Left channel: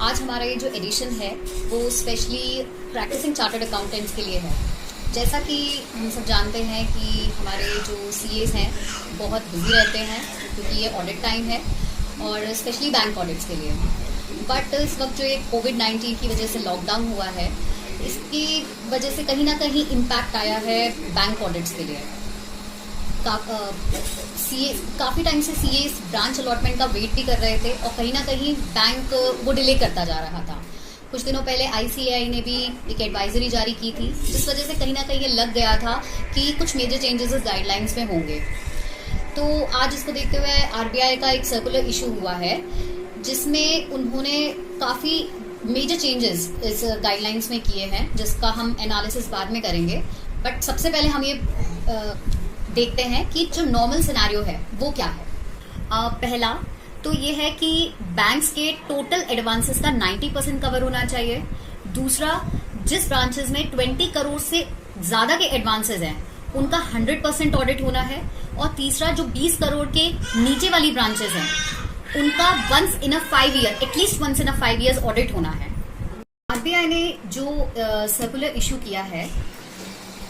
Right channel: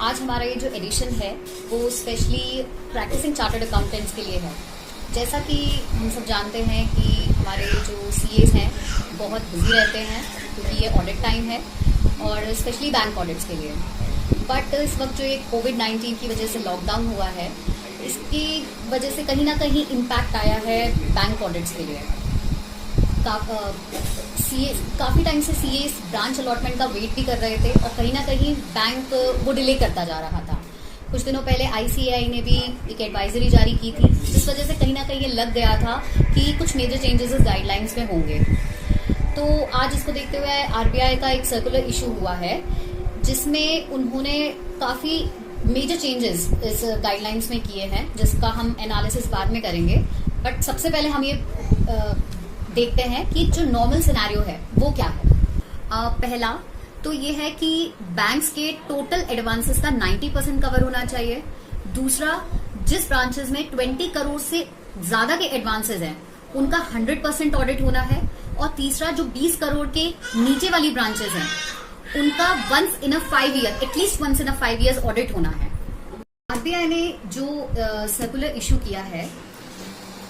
आज हमारा ये जो एडिशन है वो स्पेशली प्रैक्टिसिंग चार्टर्ड अकाउंटेंट्स के लिए है। जैसा कि हम सब जानते हैं कि हमारे जो सीएस हैं बहुत बिजी रहते हैं क्योंकि ये ऑडिट टाइम है और स्पेशली बैंक ऑडिट्स के लिए। बट इस वक्त जो ये कोविड-19 की वजह से लॉकडाउन हुआ है, इसकी वजह से कहीं ना कहीं इम्पैक्ट आया है बैंक ऑडिट्स के लिए। काफी टाइम से सीएस ब्रांच अलॉटमेंट का वेट भी कर रहे थे और कहीं ना कहीं बैंक वो डिले करता जा रहा था। कुछ दिनों पहले आईसीएआई ने भी एक एडवाइजरी जारी की थी, जिस वजह से कहीं ना कहीं ये लग गया था कि कुछ मेजर चेंजेस इस गाइडलाइंस में होंगे। तो आज इसको देखते हुए आरबीआई का एक सर्कुलर इशू हुआ है, जिसमें उन्होंने काफी मेजर चेंजेस इस गाइडलाइंस में किए हैं, जिसका हम एनालिसिस बाद में करेंगे। बट सबसे पहले हम ये देखते हैं कि जो नॉर्मल सिनेरियो है वो क्या है। पहला तो ये है कि बैंक्स के टोटल एडवांसेस का 90% कवर होना चाहिए। दूसरा, जिस ब्रांचेस में 20 करोड़ से ज्यादा के एडवांसेस हैं उनका 100% ऑडिट होना है। और तीसरा, जो 20 करोड़ के नीचे वाली ब्रांचेस हैं उनका once in a 5 year, at least once in a 5 years audit होना है। आरबीआई ने जो सर्कुलर इशू किया है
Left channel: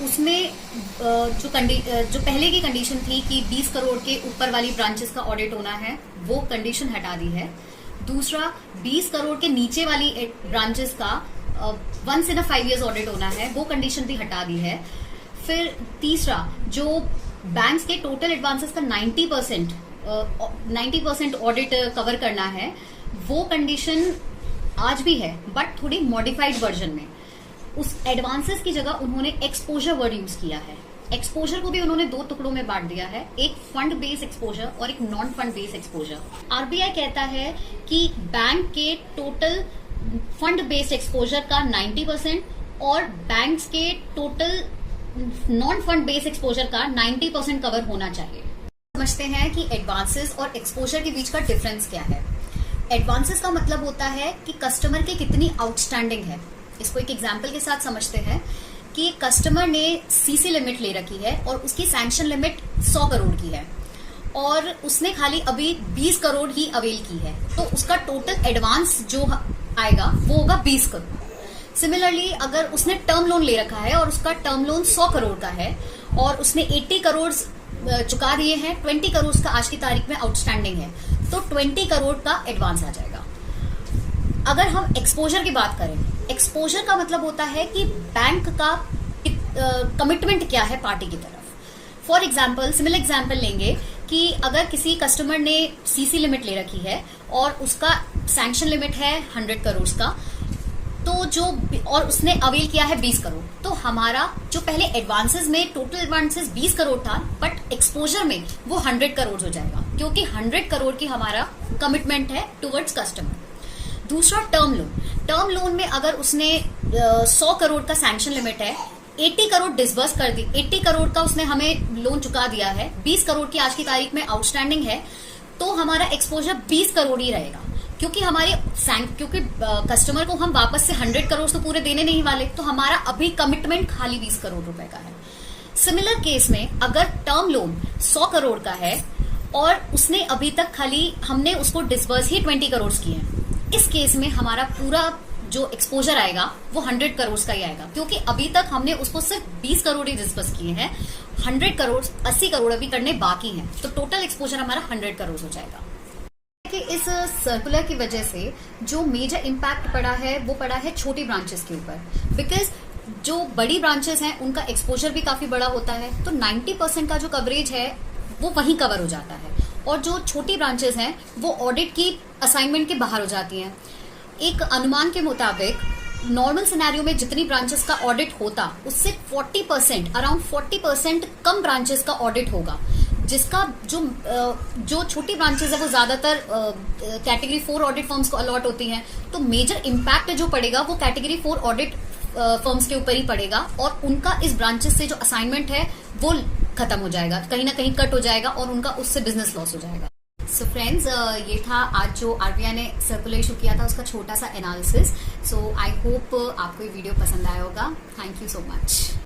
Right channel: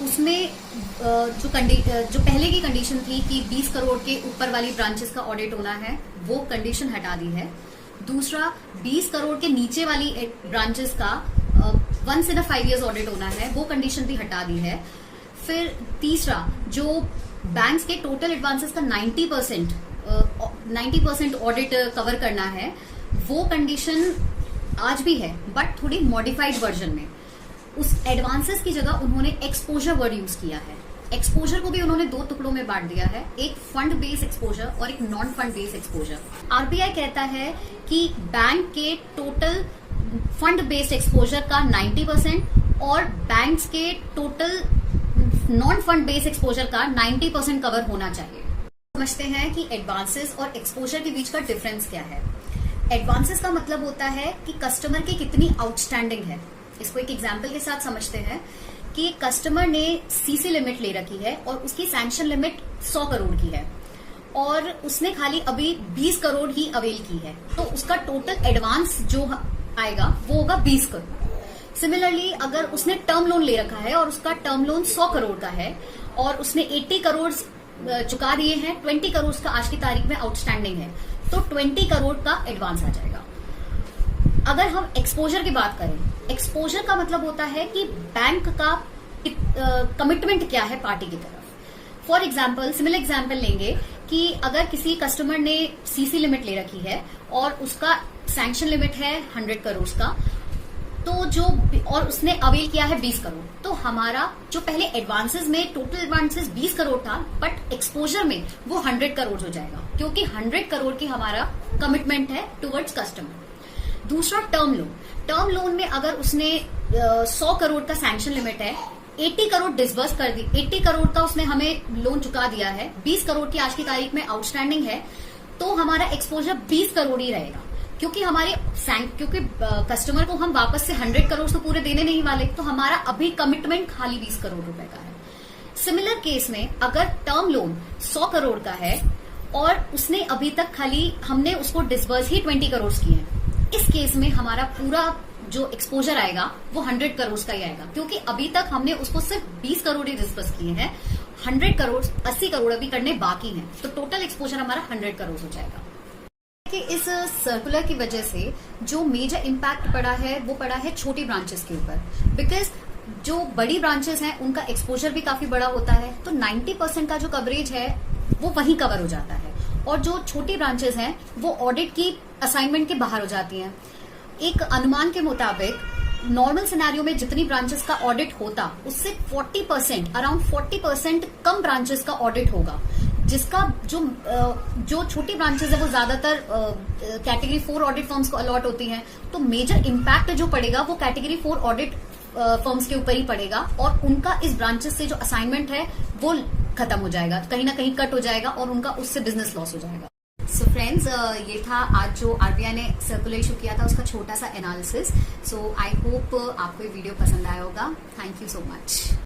उसमें जो पहले की कंडीशन थी कि 20 करोड़ के ऊपर वाली ब्रांचेस का ऑडिट होना है, वो कंडीशन हटा दी है। दूसरा, 20 करोड़ के नीचे वाली ब्रांचेस का once in a 5 years audit होना है, वो कंडीशन भी हटा दी है। फिर तीसरा, जो बैंक्स के टोटल एडवांसेस का 90% ऑडिट कवर करना है, वो कंडीशन आज भी है बट थोड़ी मॉडिफाइड वर्जन में। उस एडवांसेस की जगह उन्होंने एक्सपोजर वर्ड यूज किया है। एक्सपोजर को भी उन्होंने 2 टुकड़ों में बांट दिया है, एक फंड बेस्ड एक्सपोजर और एक non fund based exposure. RBI कहता है कि बैंक के टोटल फंड बेस्ड एक्सपोजर का 90% और बैंक्स के total non fund based exposure का 90% कवर होना चाहिए। समझते हैं कि एडवांसेस और एक्सपोजर के बीच का डिफरेंस क्या है। एडवांसेस का मतलब होता है कि कस्टमर की कितनी आउटस्टैंडिंग है। इसको एक एग्जाम्पल के साथ समझते हैं कि कस्टमर ने सीसी लिमिट ले रखी है और उसकी सैंक्शन लिमिट 100 करोड़ की है और उसने खाली अभी 20 करोड़ ही अवेल की है, तो उसका टोटल एडवांस जो आएगा वो होगा 20 करोड़। सिमिलरली, अगर उसने टर्म लोन ले रखा है और उसका टर्म लोन 100 करोड़ का है और उसने 80 करोड़ चुका दिए हैं, 20 करोड़ का आज की तारीख में आउटस्टैंडिंग है, तो 20 करोड़ का एडवांस आ जाएगा। अगर हम एक्सपोजर की बात करें, एक्सपोजर का मतलब होता है कि बैंक का कमिटमेंट क्या है पार्टी की तरफ। फॉर एग्जाम्पल, सिमिलर एग्जाम्पल लेंगे कि अगर किसी कस्टमर ने सीसी लिमिट ले रखी है और उसका सैंक्शन लिमिट है 100 करोड़ का, तो और उसने अवेल किया है 20 करोड़, तो हमारा जो पहले एडवांसेस में टोटल एडवांसेस 20 करोड़ था, बट एक्सपोजर में वो 100 करोड़ हो जाएगा, क्योंकि 100 करोड़ की हमारा कमिटमेंट है टुवर्ड्स कस्टमर। दूसरा, टर्म लोन। टर्म लोन में अगर उसने 100 करोड़ का सैंक्शन लिमिट है, 80 करोड़ डिसबर्स कर दी, 80 करोड़ का उसने हमें लोन चुका दिया है, 20 करोड़ की आज की तारीख में आउटस्टैंडिंग है, तो हमारा एक्सपोजर 20 करोड़ ही रहेगा, क्योंकि क्योंकि कस्टमर को हम वापस से 100 करोड़ तो पूरे देने नहीं वाले, तो हमारा अभी कमिटमेंट खाली 20 करोड़ रुपए का है। सिमिलर केस में अगर टर्म लोन 100 करोड़ का है और उसने अभी तक खाली हमने उसको डिसबर्स ही 20 करोड़ किए हैं, इस केस में हमारा पूरा जो एक्सपोजर आएगा वो 100 करोड़ का ही आएगा, क्योंकि अभी तक हमने उसको सिर्फ 20 करोड़ ही डिस्बर्स किए हैं, 100 करोड़ 80 करोड़ अभी करने बाकी हैं, तो टोटल एक्सपोजर हमारा 100 करोड़ हो जाएगा। कि इस सर्कुलर की वजह से जो मेजर इम्पैक्ट पड़ा है वो पड़ा है छोटी ब्रांचेस के ऊपर, बिकॉज जो बड़ी ब्रांचेस हैं उनका एक्सपोजर भी काफी बड़ा होता है, तो 90% का जो कवरेज है वो वहीं कवर हो जाता है, और जो छोटी ब्रांचेस हैं वो ऑडिट की असाइनमेंट के बाहर हो जाती हैं। एक अनुमान के मुताबिक नॉर्मल सिनेरियो में जितनी ब्रांचेस का ऑडिट होता, उससे 40%, अराउंड 40% कम ब्रांचेस का ऑडिट होगा, जिसका जो छोटी ब्रांचेस है वो ज्यादातर कैटेगरी 4 ऑडिट फर्म्स को अलॉट होती हैं, तो मेजर इम्पैक्ट जो पड़ेगा वो कैटेगरी 4 ऑडिट फर्म्स के ऊपर ही पड़ेगा, और उनका इस ब्रांचेस से जो असाइनमेंट है वो खत्म हो जाएगा, कहीं ना कहीं कट हो जाएगा और उनका उससे बिजनेस लॉस हो जाएगा। सो फ्रेंड्स, ये था आज जो आरबीआई ने सर्कुलर इशू किया था उसका छोटा सा एनालिसिस। सो आई होप आपको ये वीडियो पसंद आया होगा। Thank you so much.